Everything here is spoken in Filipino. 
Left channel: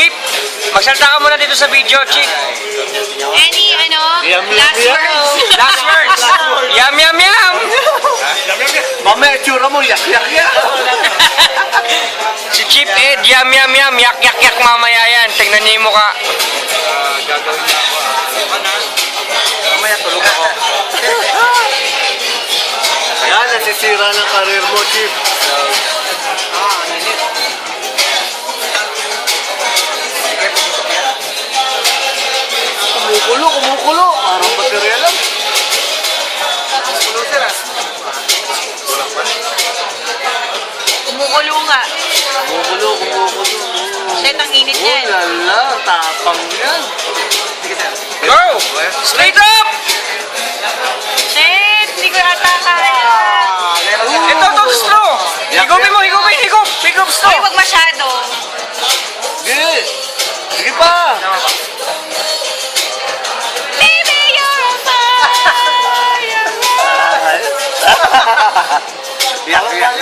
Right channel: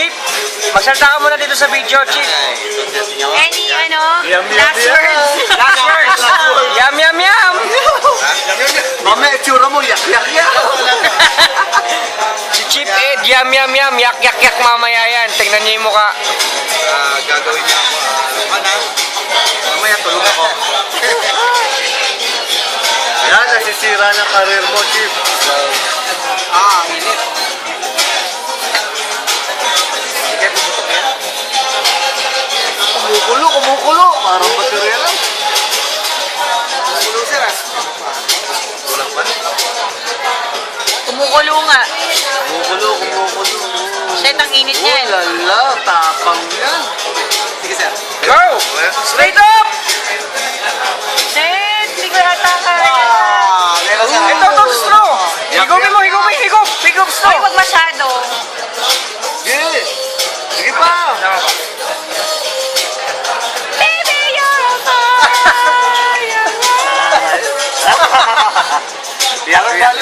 Chip, magsalita ka muna dito sa video, Chip. Any, last words? Last words. Yum, yum, yum. Mamaya itsura mo, yak. Si Chip Ed, yum, yum, yum. Yak, yak, yak mamaya yan. Tingnan niyo yung mukha. Gagawin niya ako. Mamaya tulog ako. Yan, nasisira ng karir mo, Chief. Init. Sige, puputok yan. Kumukulo. Parang baterya lang. Kumukulo, sir. Kulang pa. Kumukulo nga. Kumukulo. Shit, ang init niya. Lala, tapang yan. Sige, sir. Go! Straight up! Shit, hindi ko yata kaya. Ito, straw. Higupin mo, higup, straw. Ay, wag masyado. Sige. Sige pa. Baby, you're on fire. Yak.